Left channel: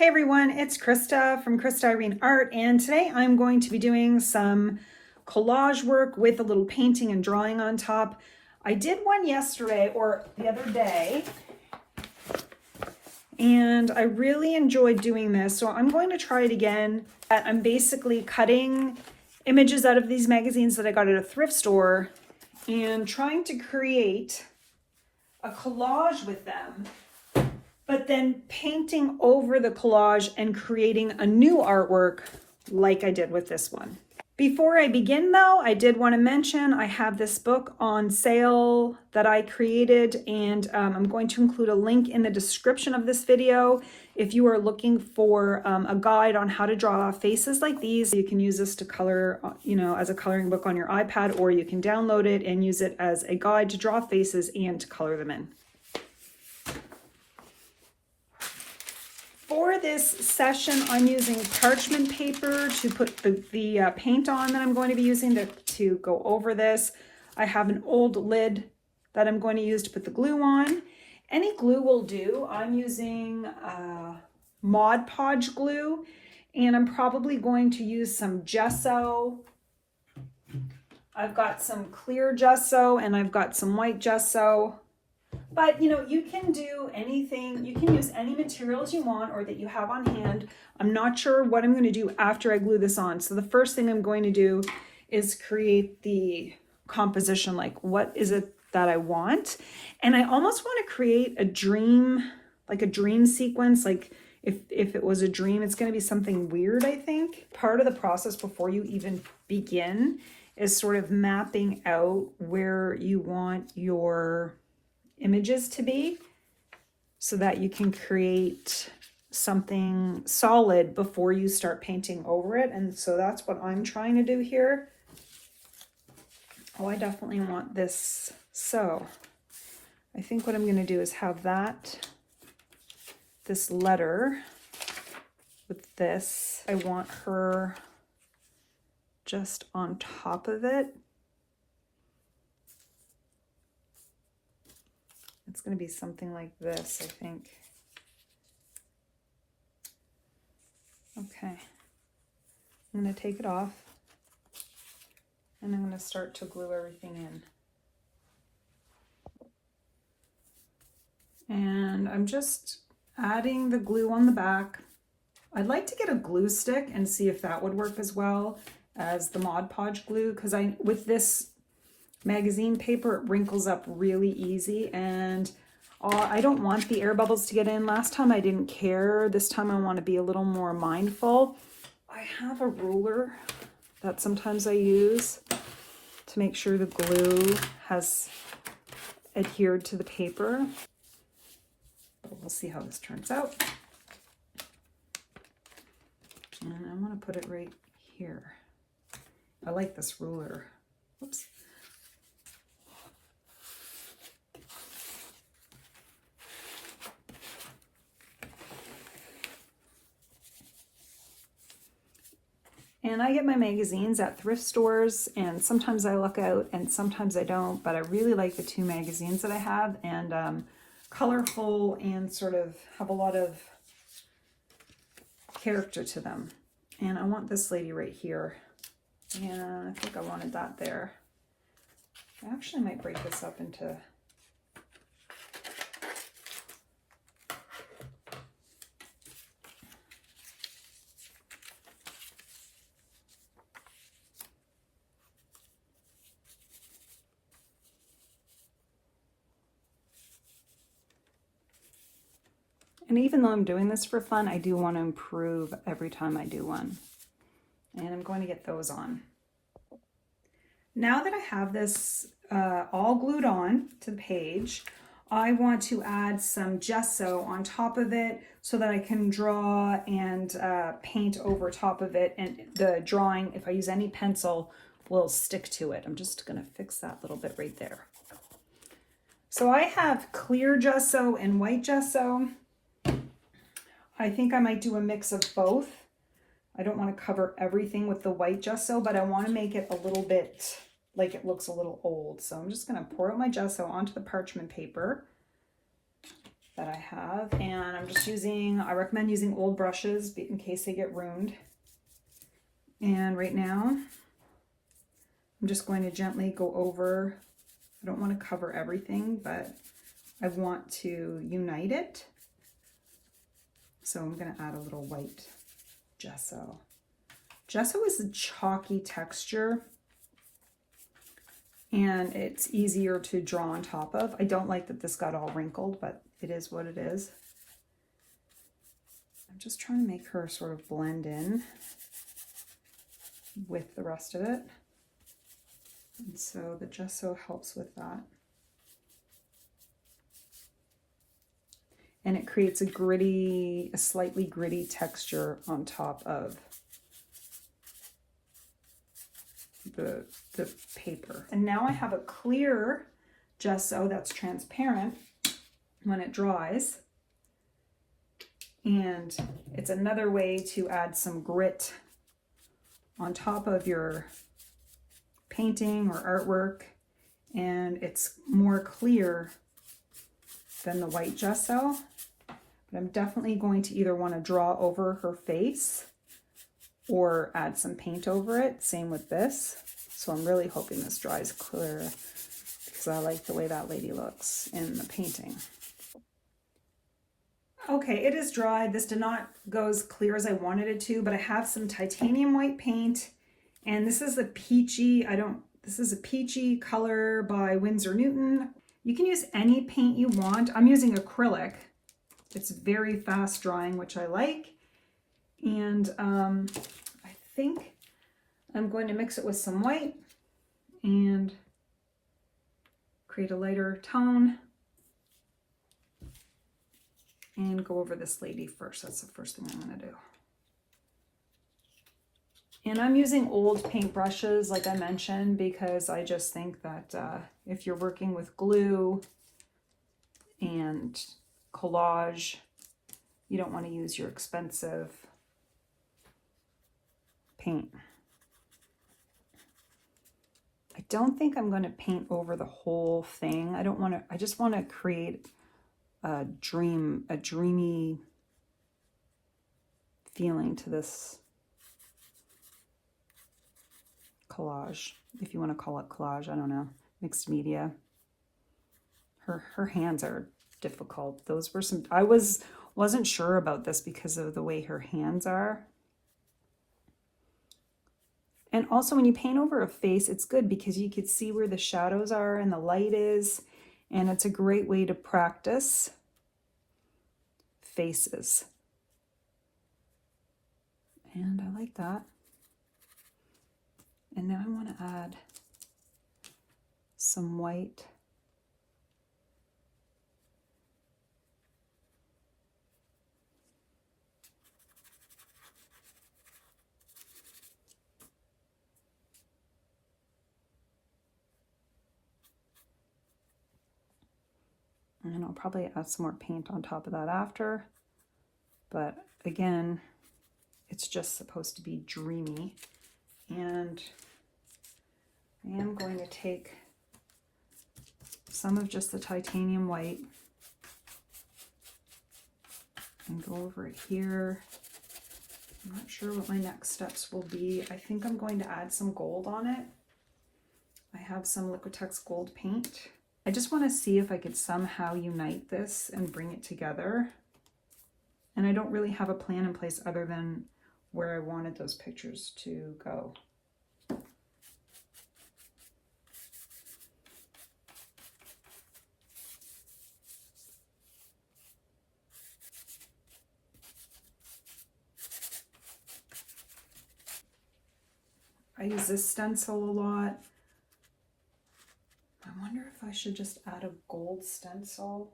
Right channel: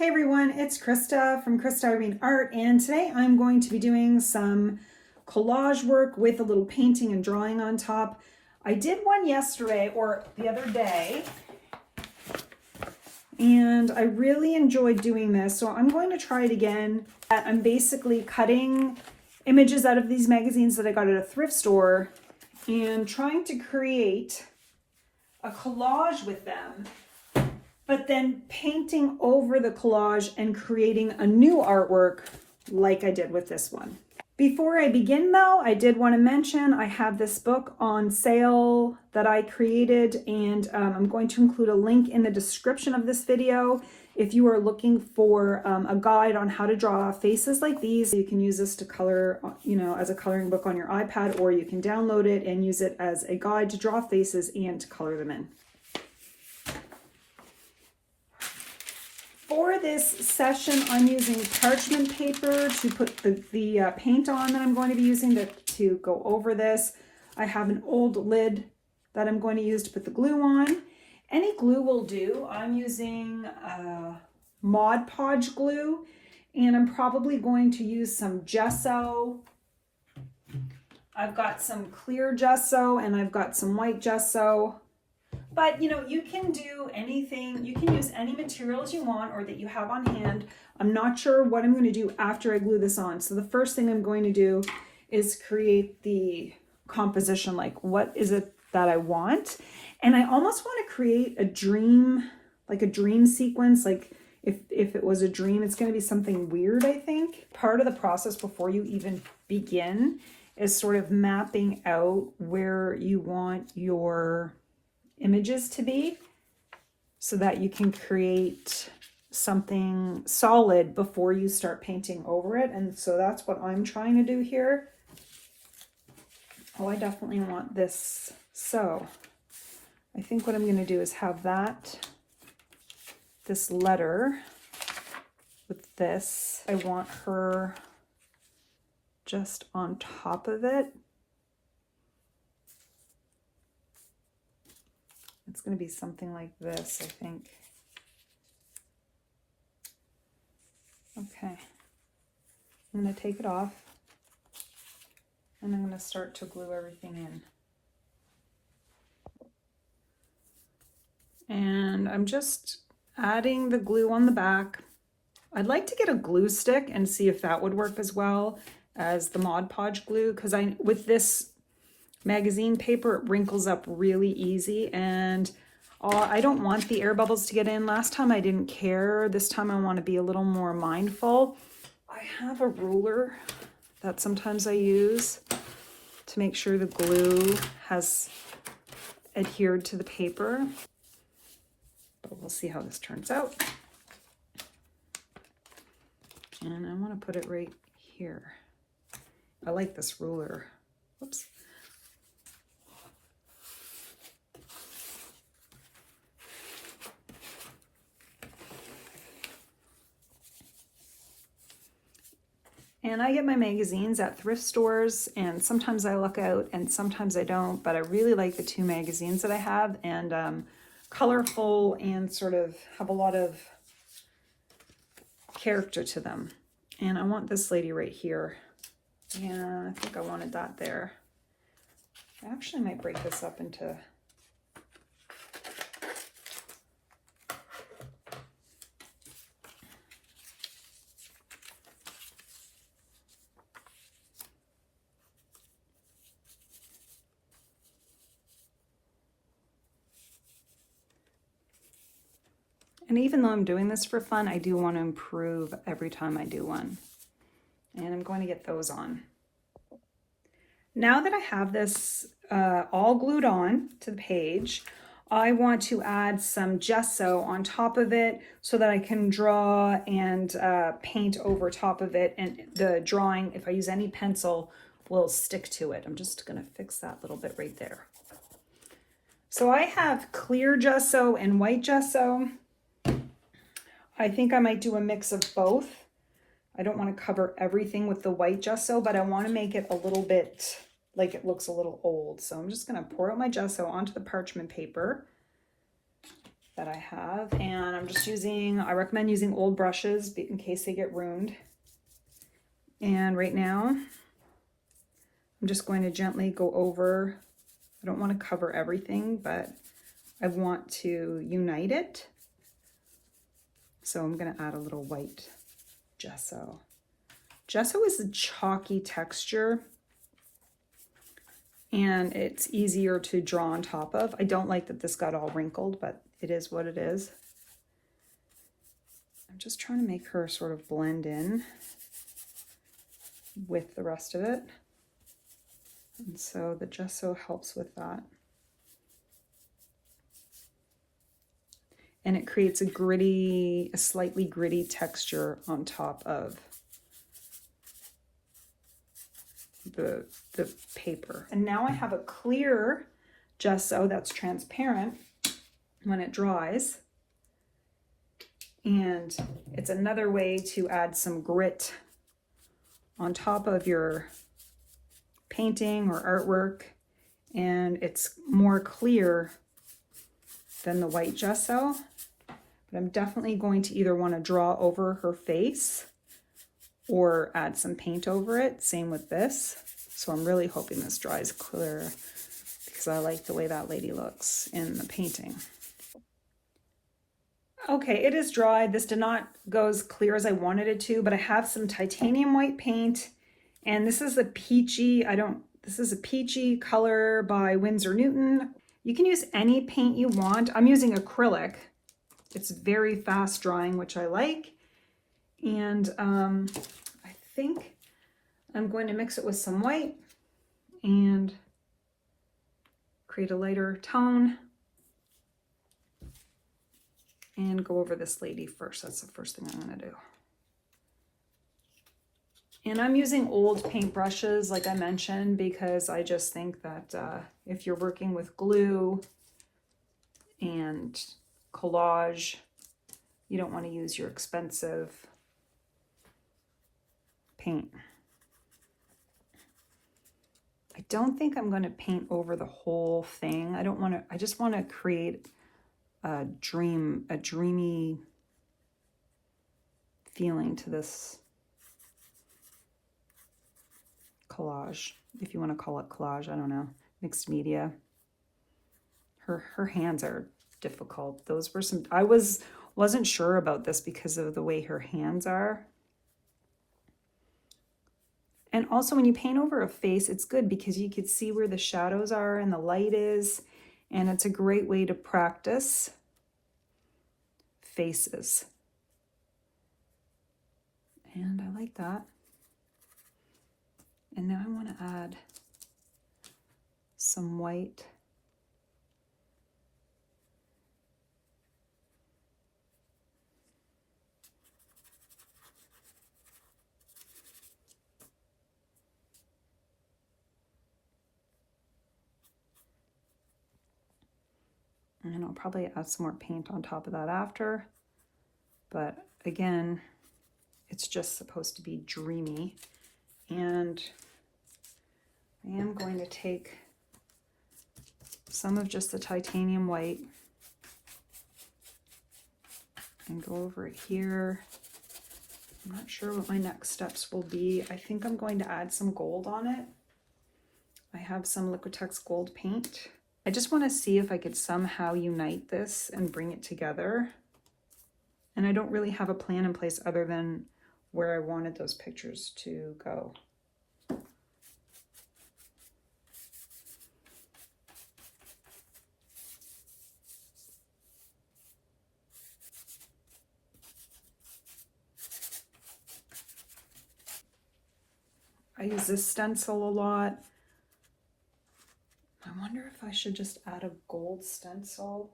Hey everyone, it's Krista from Krista Irene Art, and today I'm going to be doing some collage work with a little painting and drawing on top. I did one yesterday or the other day, and I really enjoyed doing this, so I'm going to try it again. I'm basically cutting images out of these magazines that I got at a thrift store and trying to create a collage with them, but then painting over the collage and creating a new artwork like I did with this one. Before I begin though, I did want to mention I have this book on sale that I created, and I'm going to include a link in the description of this video. If you are looking for a guide on how to draw faces like these, you can use this to color, as a coloring book on your iPad, or you can download it and use it as a guide to draw faces and to color them in. For this session, I'm using parchment paper to put the paint on that I'm going to be using to go over this. I have an old lid that I'm going to use to put the glue on. Any glue will do. I'm using Mod Podge glue, and I'm probably going to use some gesso. I've got some clear gesso and I've got some white gesso. But you can do anything, you can use any materials you want or that you have on hand. I'm not sure what I'm going to do after I glue this on. So the first thing I'm going to do is create the composition, like what is it that I want? And I almost want to create a dream, like a dream sequence. Like if it was a dream, it's going to be something weird, I think. Part of the process before you even begin is sort of mapping out where you want your images to be so that you can create something solid before you start painting over it. And so that's what I'm trying to do here. Oh, I definitely want this. So I think what I'm going to do is have this letter with this. I want her just on top of it. It's going to be something like this, I think. Okay. I'm going to take it off, and I'm going to start to glue everything in. And I'm just adding the glue on the back. I'd like to get a glue stick and see if that would work as well as the Mod Podge glue, because with this magazine paper, it wrinkles up really easy, and I don't want the air bubbles to get in. Last time I didn't care. This time I want to be a little more mindful. I have a ruler that sometimes I use to make sure the glue has adhered to the paper. We'll see how this turns out. And I want to put it right here. I like this ruler. Oops. And I get my magazines at thrift stores, and sometimes I look out and sometimes I don't, but I really like the two magazines that I have, and colorful and sort of have a lot of character to them. And I want this lady right here. And I think I wanted that there. I actually might break this up into And even though I'm doing this for fun, I do want to improve every time I do one. And I'm going to get those on. Now that I have this all glued on to the page, I want to add some gesso on top of it so that I can draw and paint over top of it. And the drawing, if I use any pencil, will stick to it. I'm just going to fix that little bit right there. So I have clear gesso and white gesso. I think I might do a mix of both. I don't want to cover everything with the white gesso, but I want to make it a little bit like it looks a little old. So I'm just going to pour out my gesso onto the parchment paper. that I have, and I'm just using, I recommend using old brushes in case they get ruined. And right now, I'm just going to gently go over, I don't want to cover everything, but I want to unite it. So I'm going to add a little white gesso. Gesso is a chalky texture, and it's easier to draw on top of. I don't like that this got all wrinkled, but it is what it is. I'm just trying to make her sort of blend in with the rest of it. And so the gesso helps with that. And it creates a slightly gritty texture on top of the paper. And now I have a clear gesso that's transparent when it dries. And it's another way to add some grit on top of your painting or artwork. And it's more clear than the white gesso. But I'm definitely going to either want to draw over her face or add some paint over it. Same with this. So I'm really hoping this dries clear because I like the way that lady looks in the painting. Okay, it is dry. This did not go as clear as I wanted it to, but I have some titanium white paint, and this is a peachy, this is a peachy color by Winsor Newton. You can use any paint you want. I'm using acrylic. It's very fast drying, which I like. And I think I'm going to mix it with some white and create a lighter tone and go over this lady first. That's the first thing I'm going to do. And I'm using old paint brushes, like I mentioned, because I just think that if you're working with glue and collage, you don't want to use your expensive paint. I don't think I'm going to paint over the whole thing. I just want to create a dreamy feeling to this collage, if you want to call it collage. I don't know, mixed media. Her hands are difficult. Those were some, I wasn't sure about this because of the way her hands are. And also when you paint over a face, it's good because you can see where the shadows are and the light is, and it's a great way to practice faces. And I like that. And now I'm going to add some white. And I'll probably add some more paint on top of that after. But again, it's just supposed to be dreamy. And I am going to take some of just the titanium white and go over it here. I'm not sure what my next steps will be. I think I'm going to add some gold on it. I have some Liquitex gold paint. I just want to see if I could somehow unite this and bring it together. And I don't really have a plan in place other than where I wanted those pictures to go. I use this stencil a lot. I wonder if I should just add a gold stencil.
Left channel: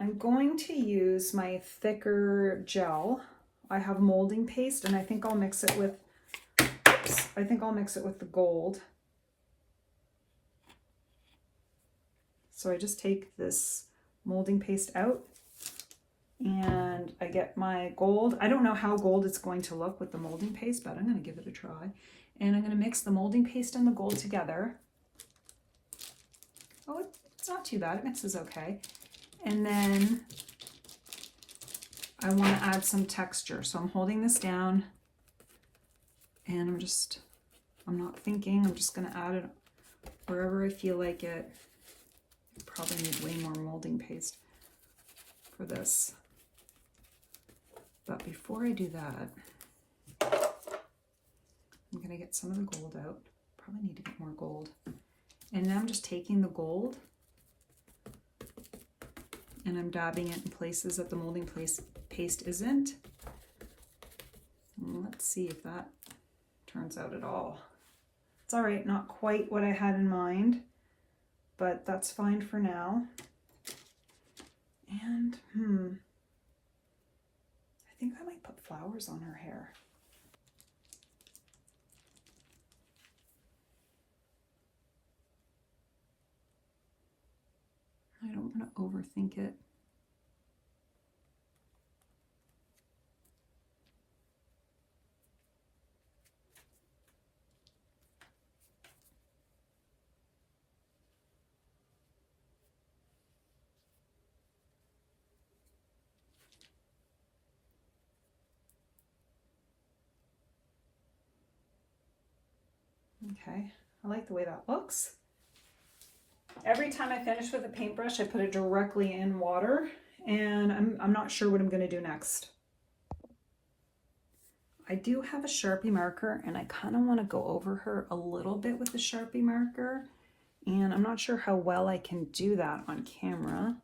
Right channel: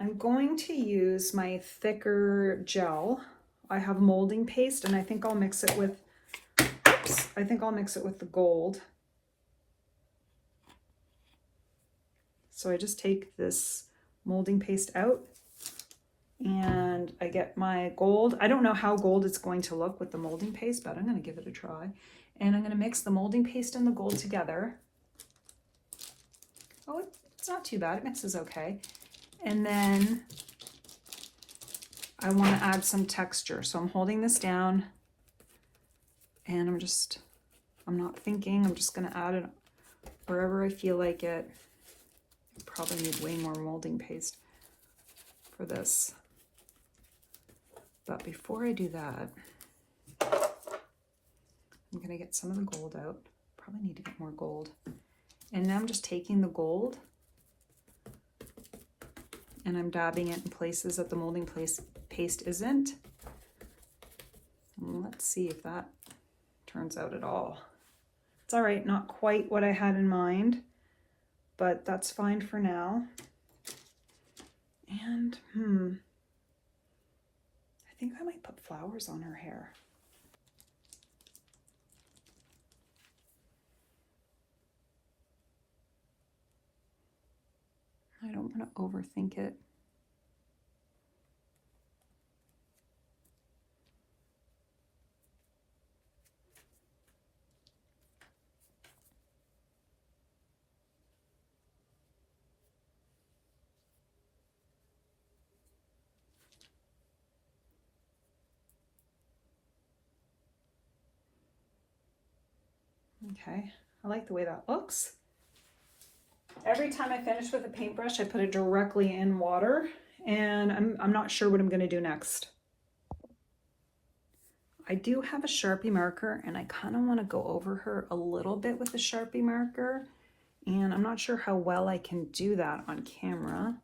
I'm going to use my thicker gel. I have molding paste, and I think I'll mix it with, I think I'll mix it with the gold. So I just take this molding paste out and I get my gold. I don't know how gold it's going to look with the molding paste, but I'm going to give it a try. And I'm going to mix the molding paste and the gold together. Oh, it's not too bad. It mixes okay. And then I want to add some texture. So I'm holding this down and I'm not thinking, I'm just going to add it wherever I feel like it. I probably need way more molding paste for this. But before I do that, I'm going to get some of the gold out. Probably need to get more gold. And now I'm just taking the gold and I'm dabbing it in places that the molding paste isn't. And let's see if that turns out at all. It's all right, not quite what I had in mind, but that's fine for now. And I think I might put flowers on her hair. I don't want to overthink it. Okay, I like the way that looks. Every time I finish with a paintbrush, I put it directly in water, and I'm not sure what I'm going to do next. I do have a Sharpie marker, and I kind of want to go over her a little bit with a Sharpie marker, and I'm not sure how well I can do that on camera,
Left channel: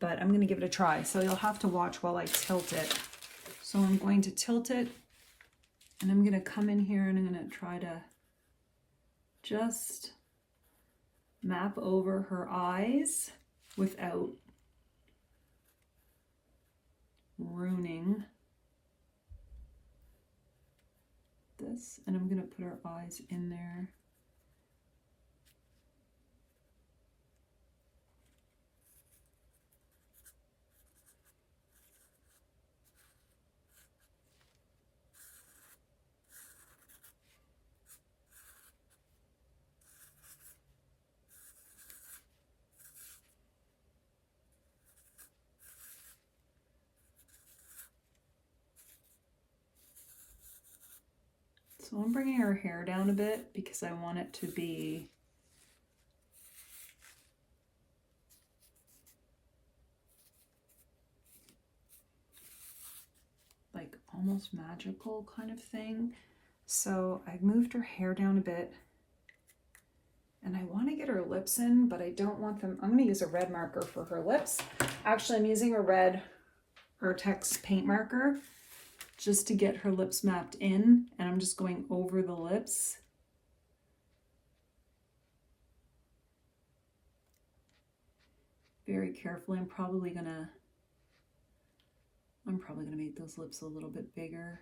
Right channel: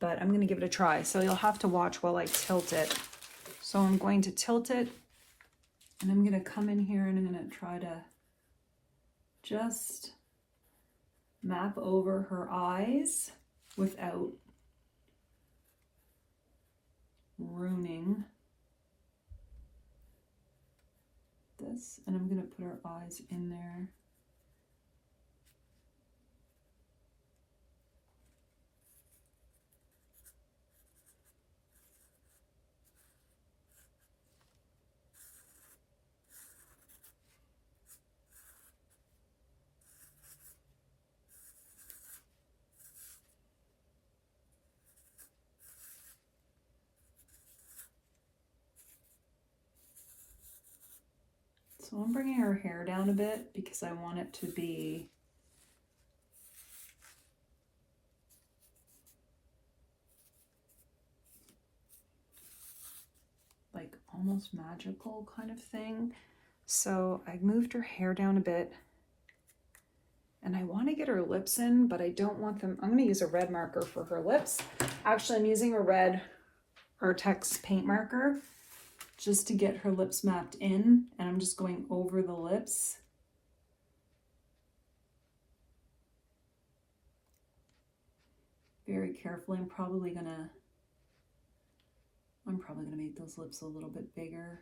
but I'm going to give it a try. So you'll have to watch while I tilt it. So I'm going to tilt it, and I'm going to come in here and I'm going to try to just map over her eyes without ruining this. And I'm going to put her eyes in there. So I'm bringing her hair down a bit because I want it to be like almost magical kind of thing. So I moved her hair down a bit and I want to get her lips in, but I don't want them. I'm going to use a red marker for her lips. Actually, I'm using a red Artex paint marker just to get her lips mapped in, and I'm just going over the lips. Very carefully. I'm probably gonna make those lips a little bit bigger.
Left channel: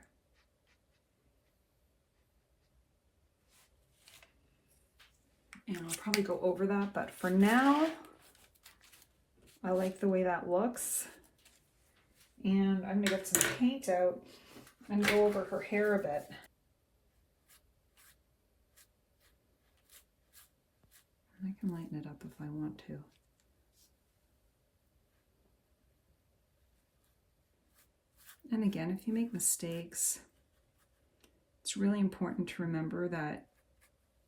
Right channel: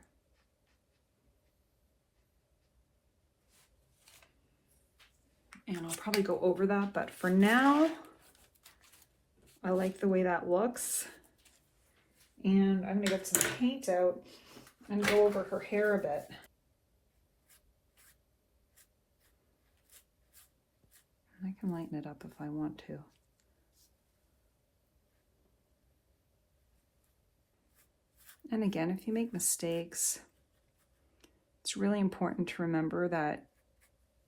And I'll probably go over that, but for now, I like the way that looks. And I'm gonna get some paint out and go over her hair a bit. I can lighten it up if I want to. And again, if you make mistakes, it's really important to remember that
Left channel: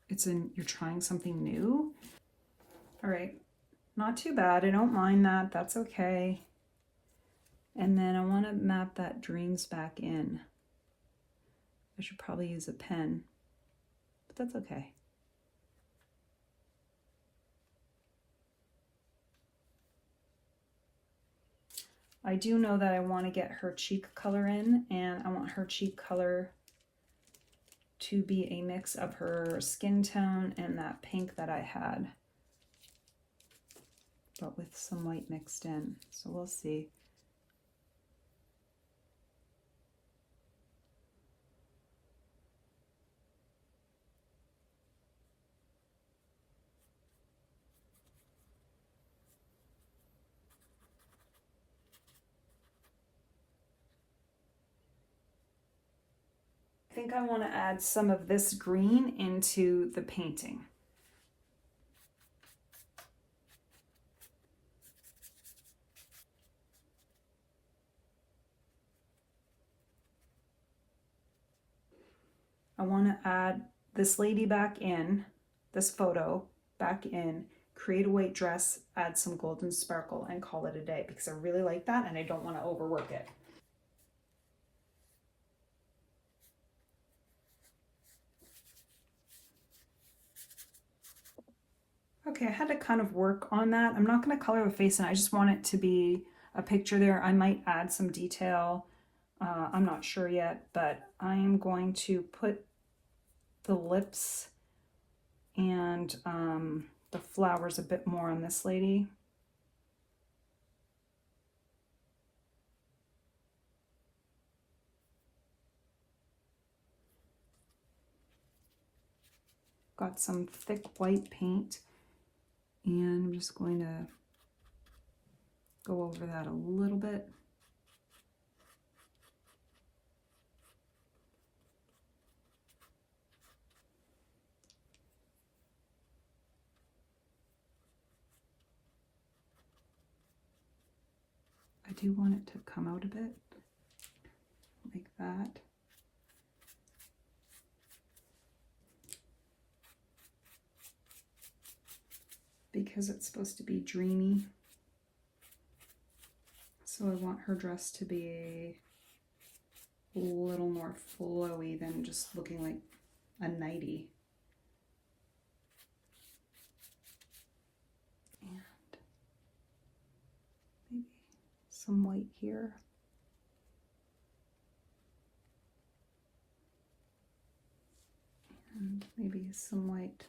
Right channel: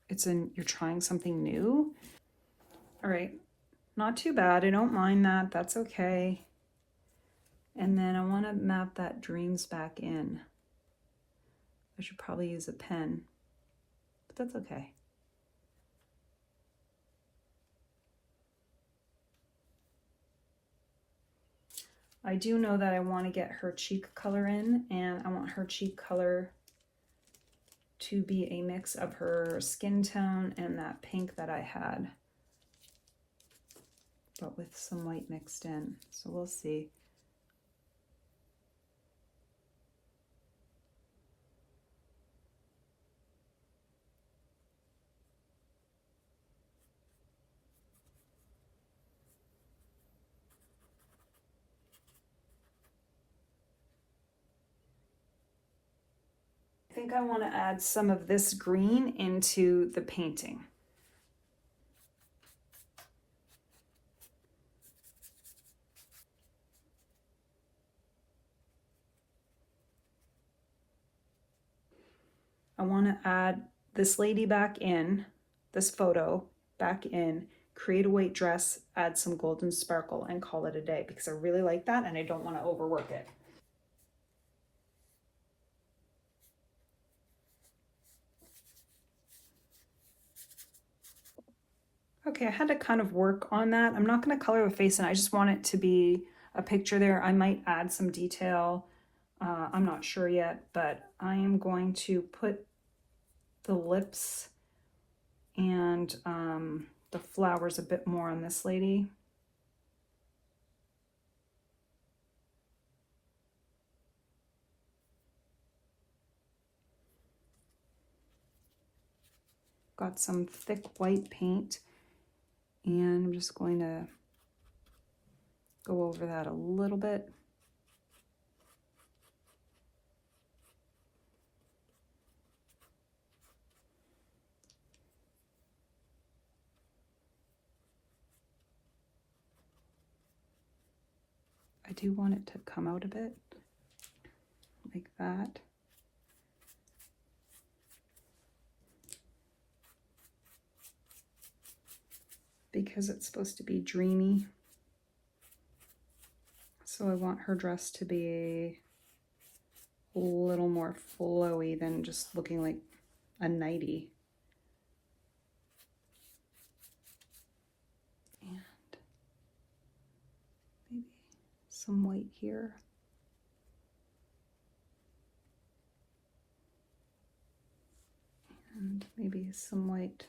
you're trying something new. All right, not too bad. I don't mind that. That's okay. And then I want to map that dreams back in. I should probably use a pen, but that's okay. I do know that I want to get her cheek color in, and I want her cheek color to be a mix of her skin tone and that pink that I had, but with some white mixed in. So we'll see. I think I want to add some of this green into the painting. I want to add this lady back in, this photo back in, create a white dress, add some golden sparkle, and call it a day, because I really like that and I don't want to overwork it. Okay, I had to kind of work on that. I'm not going to color the face in. I just want it to be a picture there. I might add some detail. I'm not sure yet, but I am going to put the lips and the flowers a bit more on this lady. Got some thick white paint, and I'm just going to go over that a little bit. I do want it to come out a bit, like that. Because it's supposed to be dreamy. So I want her dress to be a little more flowy than just looking like a nightie. And maybe some white here. And maybe some white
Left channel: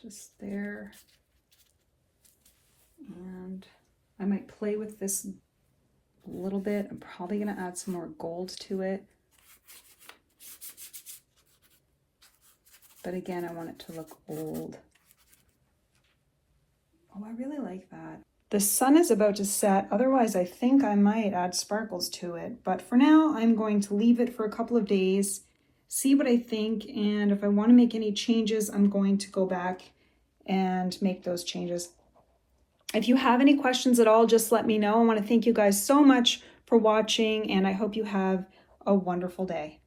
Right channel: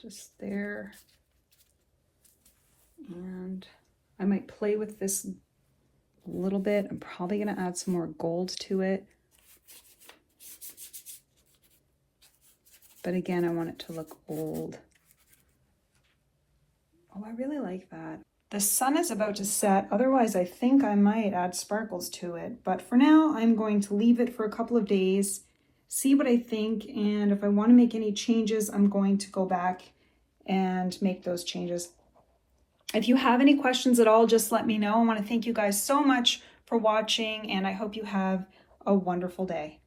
just there. And I might play with this a little bit. I'm probably going to add some more gold to it. But again, I want it to look old. Oh, I really like that. The sun is about to set. Otherwise, I think I might add sparkles to it. But for now, I'm going to leave it for a couple of days, see what I think. And if I want to make any changes, I'm going to go back and make those changes. If you have any questions at all, just let me know. I want to thank you guys so much for watching, and I hope you have a wonderful day.